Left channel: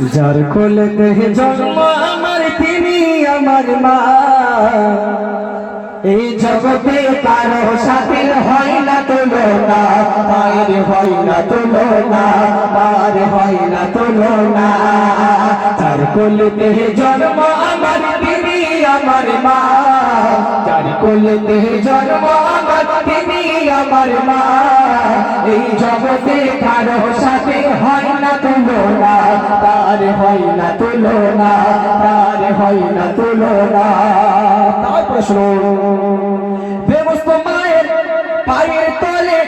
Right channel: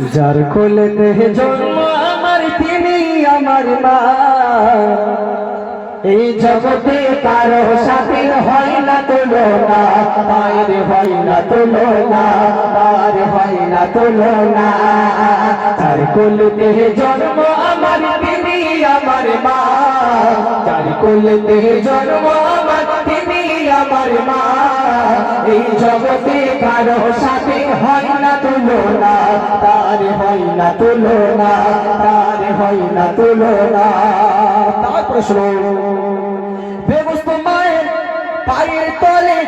যার কোলেতে জন্ম আমার, তিনি আমার মা। এই জগতে কারও সাথে হয় না তুলনা পায়ের হয় না তুলনা পার হয় না তুলনা। যার কোলেতে জন্ম আমার, তিনি আমার মা। যার কোলেতে জন্ম আমার, তিনি আমার মা। এই জগতে কারও সাথে হয় না তুলনা তার হয় না তুলনা তার হয় না তুলনা। তার প্রশ্ন বেমস্ত মায়ের পায়ের তলে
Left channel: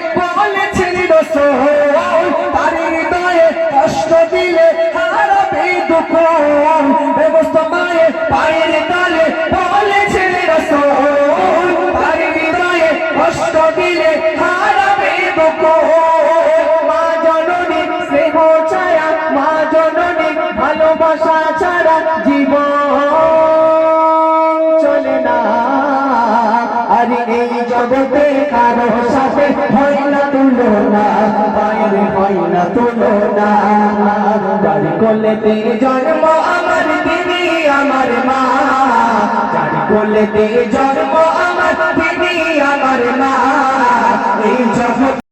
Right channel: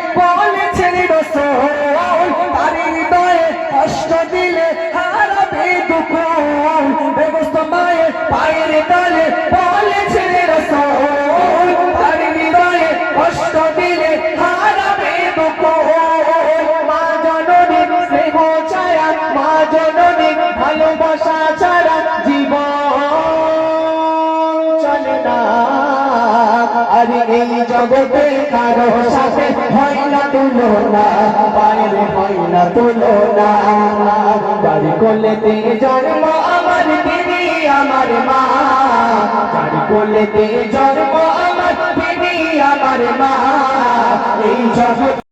আরে এই জগতে কারও সাথে হয় না তুলনা বাইরে হয় না তুলনা। যার কোলেতে জন্ম আমার দিদি, আমার মা। যার কোলেতে জন্ম আমার দিদি, আমার মা। এই জগৎ